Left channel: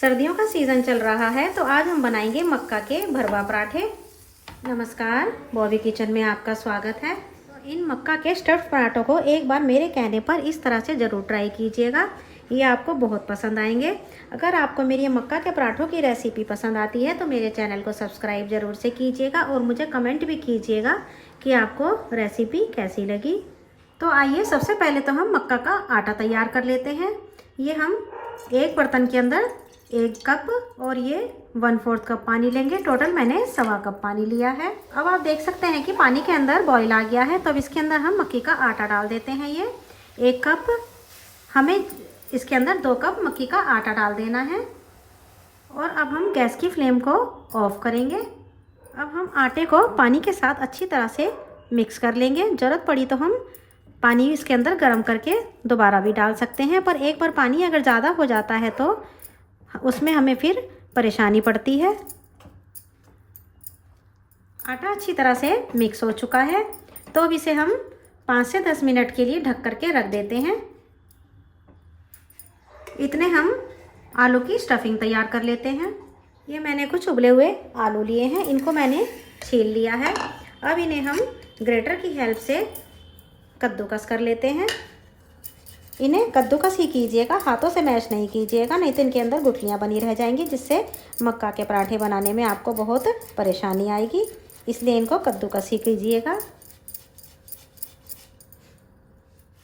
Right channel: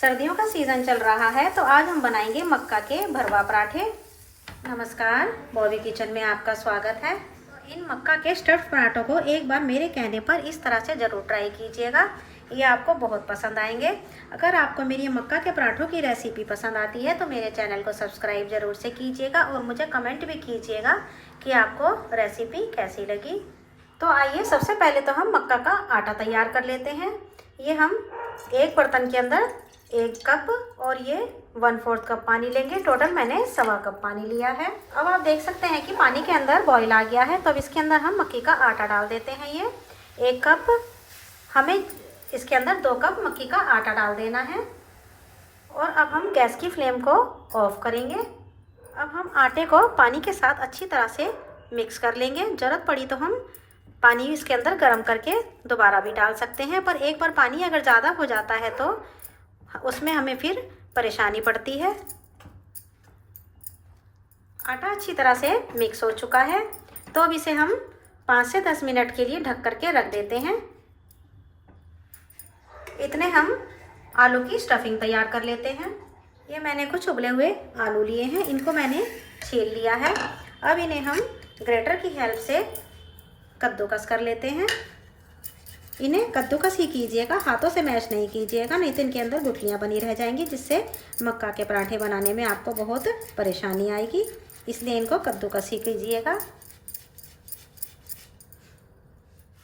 सर्दियों का सीज़न चल रहा है तो आज हम बनाएंगे मक्का के भरवा पराठे। नमस्कार, बॉबी किचन में आपका स्वागत है। तो इन मक्का के स्टफ्ड पराठों को एक बार मेरे कहने पर इस तरह से ज़रूर ट्राई कीजिएगा, ये आपको बहुत पसंद आएंगे। अगर आपको मेरी मक्का के पराठों की रेसिपी पसंद आती है तो मेरे चैनल को सब्सक्राइब ज़रूर से कीजिएगा और मुझे कमेंट भी कीजिएगा कि आपको रेसिपी कैसी लगी। तो आइए सबसे पहले तो हम मक्का का आटा तैयार कर लेते हैं। ये हम एक बर्तन के अंदर 1 कप और ये 1/4 कप पानी लेंगे। टोटल मैंने 1/2 कप पानी लिया है। अब आप देख सकते हैं कि पानी के अंदर बॉईल आ गया है, तो अब इसके अंदर हम मक्की का आटा डाल देते हैं। ये 1 कप, हमें इसके अंदर 2 कप मक्की का आटा डाल देना है। और अब हम गैस की फ्लेम को ऑफ करेंगे। अब हम आटे को पानी के साथ अच्छी तरह से मिक्स कर लेंगे। ज़रूरत पड़ी तो हम पानी इसके अंदर गर्म करके दोबारा भी डाल सकते हैं, पर एक बार पानी अगर ज़्यादा हो जाता है तो उसमें हमें फिर परेशानी पड़ती है। आटा अच्छी तरह से मिक्स हो चुका है, तो अब इसे हम 5 से 10 मिनट के लिए ढक करके रख देते हैं। इतने हम आलू की स्टफिंग तैयार कर लेते हैं। ये मैंने कुछ उबले हुए आलू लिए हैं, इनको मैंने छील लिया है। अब इन्हें हम ग्रेटर की हेल्प से कद्दूकस कर लेते हैं। इन्हें कद्दूकस ही कीजिएगा, हाथों से मैश नहीं कीजिएगा, नहीं तो इनके अंदर गुठलियाँ बनी रह जाएंगी, जिससे मक्का के पराठे बनाने में आपको बहुत परेशानी आएगी। इसलिए इनको कद्दूकस ही कीजिएगा।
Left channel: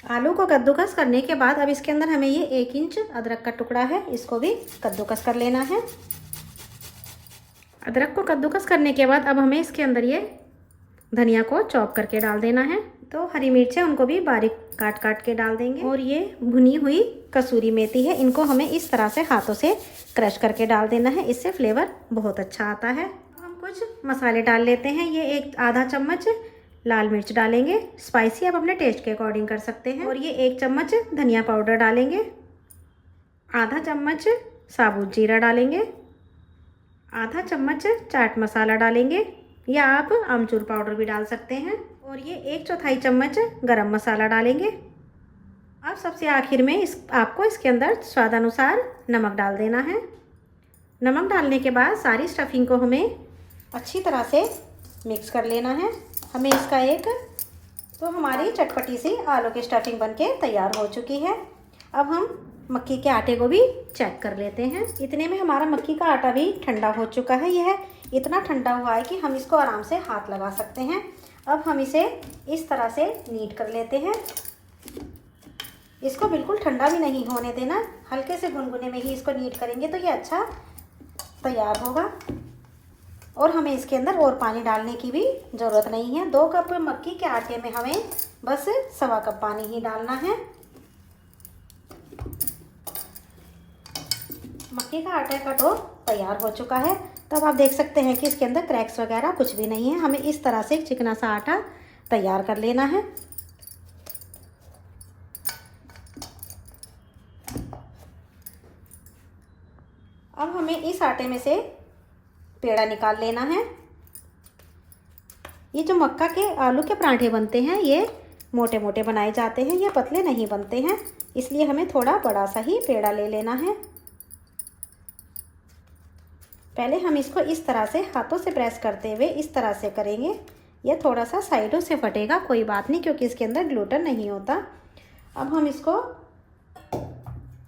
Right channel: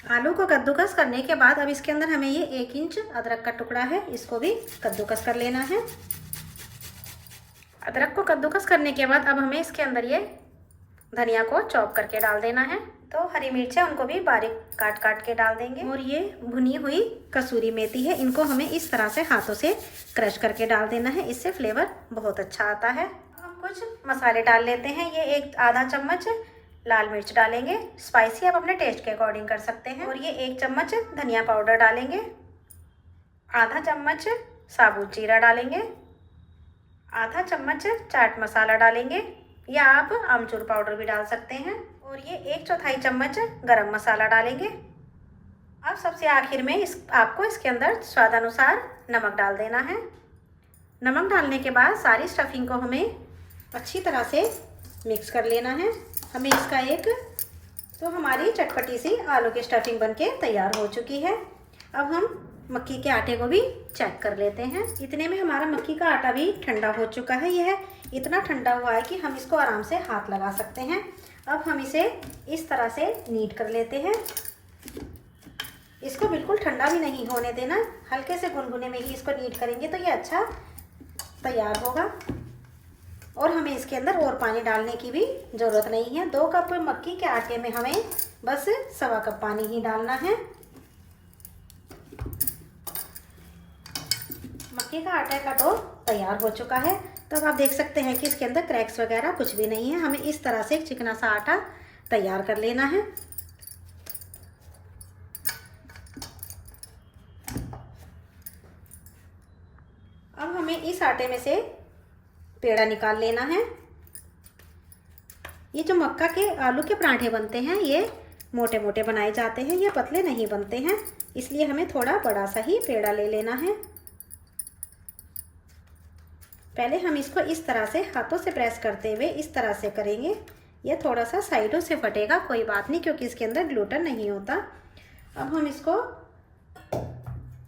आलू को कद्दूकस करने के बाद अब इसके अंदर हमें ये 1 इंच अदरक का टुकड़ा है, इसको भी कद्दूकस कर लेना है। अदरक को कद्दूकस करने के बाद अब हमें इसके अंदर ये धनिया को चॉप करके डाल देना है। तो हरी मिर्चें उनको भी बारीक काट काट के डाल देंगे। और ये भुनी हुई कसूरी मेथी है, इनको हमें इस तरह से हाथों से क्रश करके डाल देना है, इससे फ्लेवर बहुत अच्छा आता है। हम कुछ मसाले डाल लेते हैं। ये एक आधा चम्मच लाल मिर्च डालेंगे, स्पाइसी आप अपने टेस्ट के अकॉर्डिंग कर सकते हैं। और ये 1 चम्मच धनिया पाउडर डालेंगे, आधा चम्मच साबुत जीरा डालेंगे, आधा चम्मच चाट मसाला डालेंगे, या आप आमचूर पाउडर भी डाल सकते हैं। और ये 1/4 चम्मच गरम मसाला डालेंगे। अब सबसे आखिर में आपको इसके अंदर स्वादानुसार नमक डाल देना है। नमक डालने के बाद सारी स्टफिंग को हमें अच्छी तरह से मिक्स कर लेना है। हमें इसका तो हमारी चटपटी सी आलू की स्टफिंग बनके तैयार हो चुकी है। अब हम मक्की के आटे को भी चेक कर लेते हैं। इतने में हमारा मक्की का आटा भी ठंडा हो चुका है। यह इतना ठंडा हुआ है कि हम इसको आराम से हाथ लगा सकते हैं। अब हम इसे इस तरह से नीड कर लेते हैं। इसको बिल्कुल ठंडा भी नहीं होने देना, हल्के से गुनगुने में ही इसको नीड करेंगे तो ये अच्छा तैयार होगा। और हमें इसके अंदर और पानी डालने की भी ज़रूरत नहीं है। 2 कप मक्की के आटे में हमें बस 1/2 कप पानी ही डालना है। मक्की का आटे का डो तैयार हो चुका है। तब आप देख सकते हैं कि इसके अंदर क्रैक्स वगैरह कुछ भी नहीं है। हमें इस तरह से एक चिकना सा आटा तैयार कर लेना है। अब हमें इस आटे में से पेड़ा निकाल लेना है। ये जो मक्का के आलू के पराठे बनते हैं ये मोटे मोटे बनाए जाते हैं, ये पतले नहीं बनते हैं, इसलिए हमें थोड़ा बड़ा सा ही पेड़ा ले लेना है। पहले हम इसको इस तरह से हाथों से प्रेस करते हुए इस तरह से करेंगे। यह थोड़ा सा साइडों से फटेगा, कोई बात नहीं, क्योंकि इसके अंदर ग्लूटेन नहीं होता। अब हम इसको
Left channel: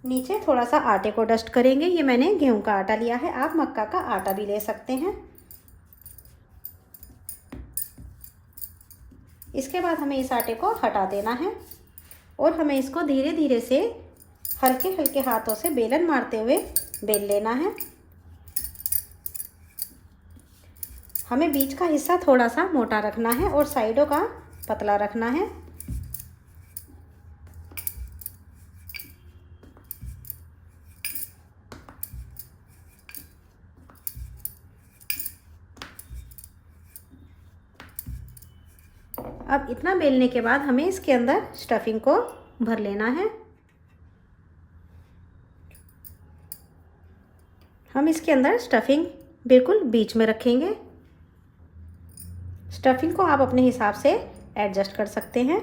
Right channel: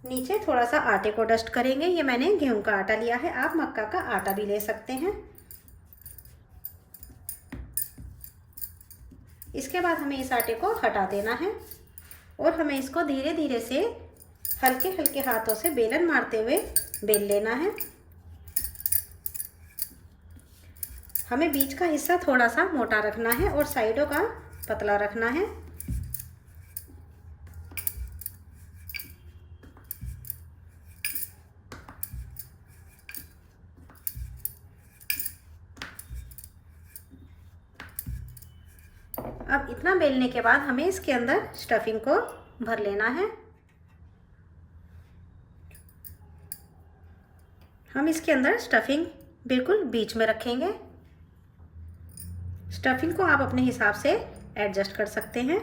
नीचे थोड़ा सा आटे को डस्ट करेंगे। ये मैंने गेहूं का आटा लिया है, आप मक्का का आटा भी ले सकते हैं। इसके बाद हमें इस आटे को हटा देना है और हमें इसको धीरे धीरे से हल्के हल्के हाथों से बेलन मारते हुए बेल लेना है। हमें बीच का हिस्सा थोड़ा सा मोटा रखना है और साइडों का पतला रखना है। अब इतना बेलने के बाद हमें इसके अंदर स्टफिंग को भर लेना है। हम इसके अंदर स्टफिंग बिल्कुल बीच में रखेंगे। स्टफिंग को आप अपने हिसाब से एडजस्ट कर सकते हैं।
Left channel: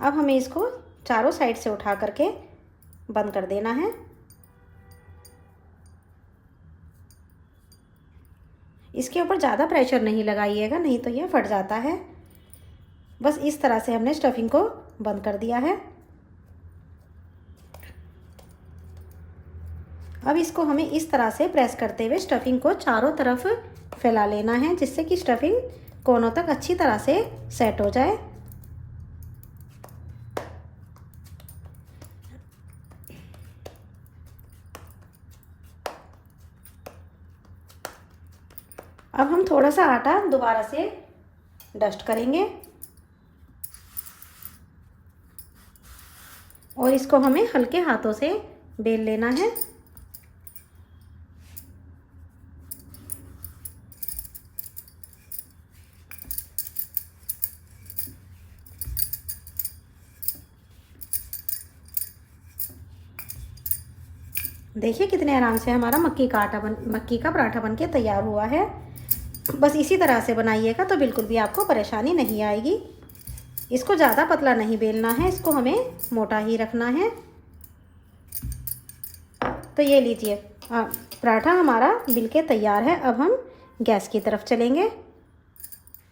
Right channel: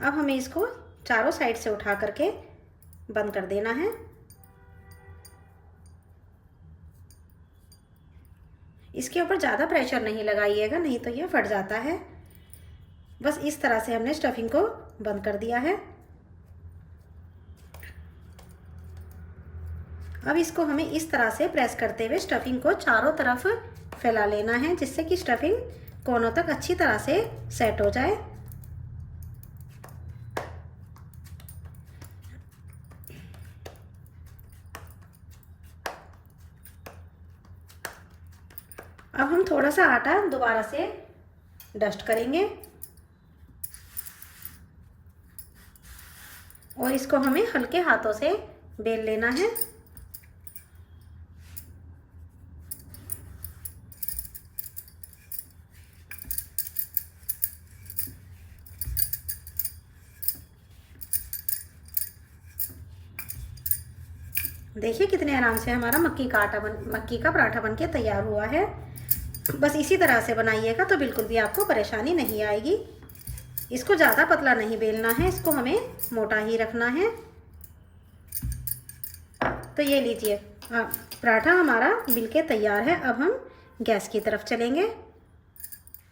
अब हमें इसको चारों साइड से उठा करके बंद कर देना है। इसके ऊपर ज़्यादा प्रेशर नहीं लगाइएगा, नहीं तो ये फट जाता है। बस इस तरह से हमने स्टफिंग को बंद कर दिया है। अब इसको हमें इस तरह से प्रेस करते हुए स्टफिंग को चारों तरफ फैला लेना है, जिससे कि स्टफिंग कोनों तक अच्छी तरह से सेट हो जाए। अब हम थोड़ा सा आटा दोबारा से डस्ट करेंगे और इसको हमें हल्के हाथों से बेल लेना है। देखिए कितने आराम से हमारा मक्की का पराठा बन के तैयार हुआ है। बस इसी तरह से बनाइएगा तो बिल्कुल भी आपको परेशानी नहीं आएगी। इसको ज़्यादा पतला नहीं बेलना है, इसको हमें मोटा ही रखना है। तो ये लीजिए, पराठा हमारा बिल के तैयार है। अब हम गैस की तरफ चलेंगे।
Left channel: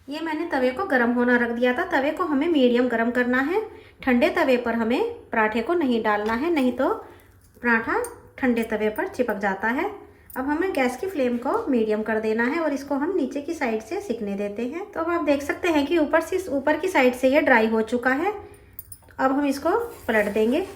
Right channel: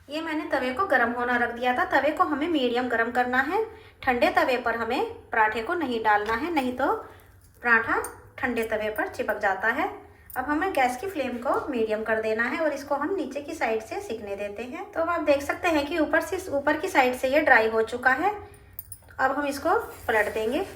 ये मैंने तवे को गर्म होना रख दिया था। तवे को हमें मीडियम गर्म करना है। ठंडे तवे पर हमें पराठे को नहीं डालना है, नहीं तो पराठा ठंडे तवे पर चिपक जाता है। अब हमें गैस की फ्लेम को मीडियम कर देना है और इसको हम नीचे की साइड से सिकने देते हैं। तो अब आप देख सकते हैं कि ऊपर की साइड से ये ड्राई हो चुका है। अब हम इसको पलट देंगे।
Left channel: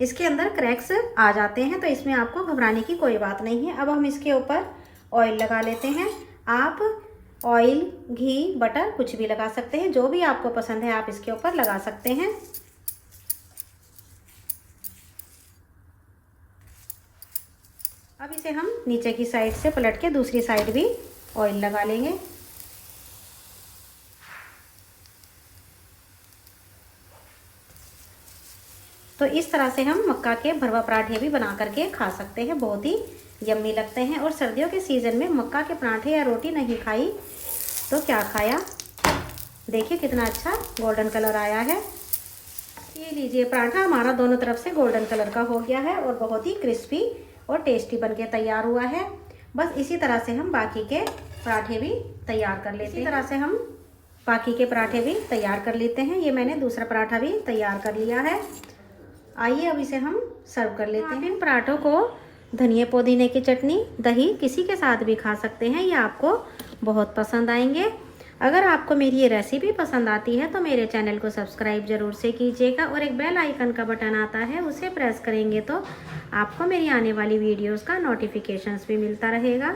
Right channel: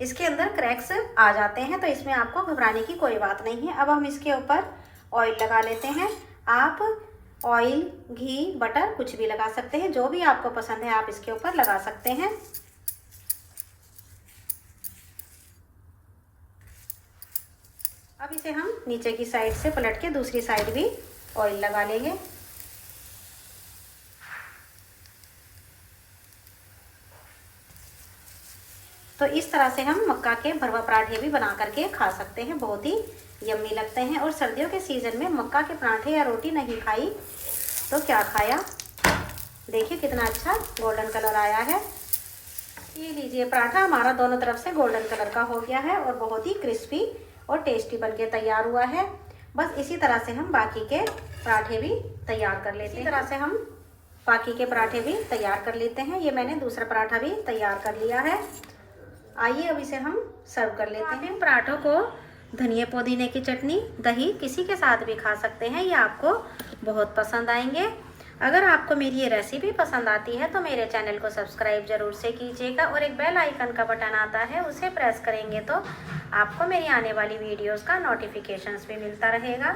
इसके अंदर क्रैक्स आ जाते हैं, तो इसमें आपको घबराने की कोई बात नहीं है। अब हम इसके ऊपर ऑयल लगा लेते हैं। आप ऑयल, घी, बटर कुछ भी लगा सकते हैं, जो भी आपको पसंद है आप इसके ऊपर लगा सकते हैं। अब इसे हम नीचे की साइड से पलट के दूसरी साइड भी ऑयल लगा लेंगे। तो इस तरह से हम मक्का के भरवा पराठे भी बना करके खा सकते हैं, बहुत ही यम्मी लगते हैं। और सर्दियों के सीज़न में मक्का के पराठे या रोटी नहीं खाई तो क्या खाया। देखिए कितना अच्छा गोल्डन कलर आया है। ये लीजिए, पराठा हमारा दोनों तरफ से गोल्डन कलर का हो गया है और बहुत ही क्रिस्पी और टेस्टी बनके तैयार हुआ है। बस इसी तरह से हम बाकी के पराठे भी तैयार कर लेते हैं। इसी तरह से हम बाकी के पराठे भी तैयार कर लेते हैं। ये मैंने दूसरा पराठा भी तैयार कर लिया है। आइए अब इसे हम सर्व कर लेते हैं। इन पराठों को धनिया पुदीने की चटनी, दही किसी के साथ भी खा सकते हैं। ये आपको बहुत पसंद आएंगे। अगर आपको मेरी ये रेसिपी पसंद आती है तो मेरे चैनल को सब्सक्राइब ज़रूर से कीजिएगा और एक बेल आइकन का बटन आता है, उसे प्रेस करेंगे तो आपको मेरी आने वाली वीडियोस का नोटिफिकेशंस भी मिलता रहेगा।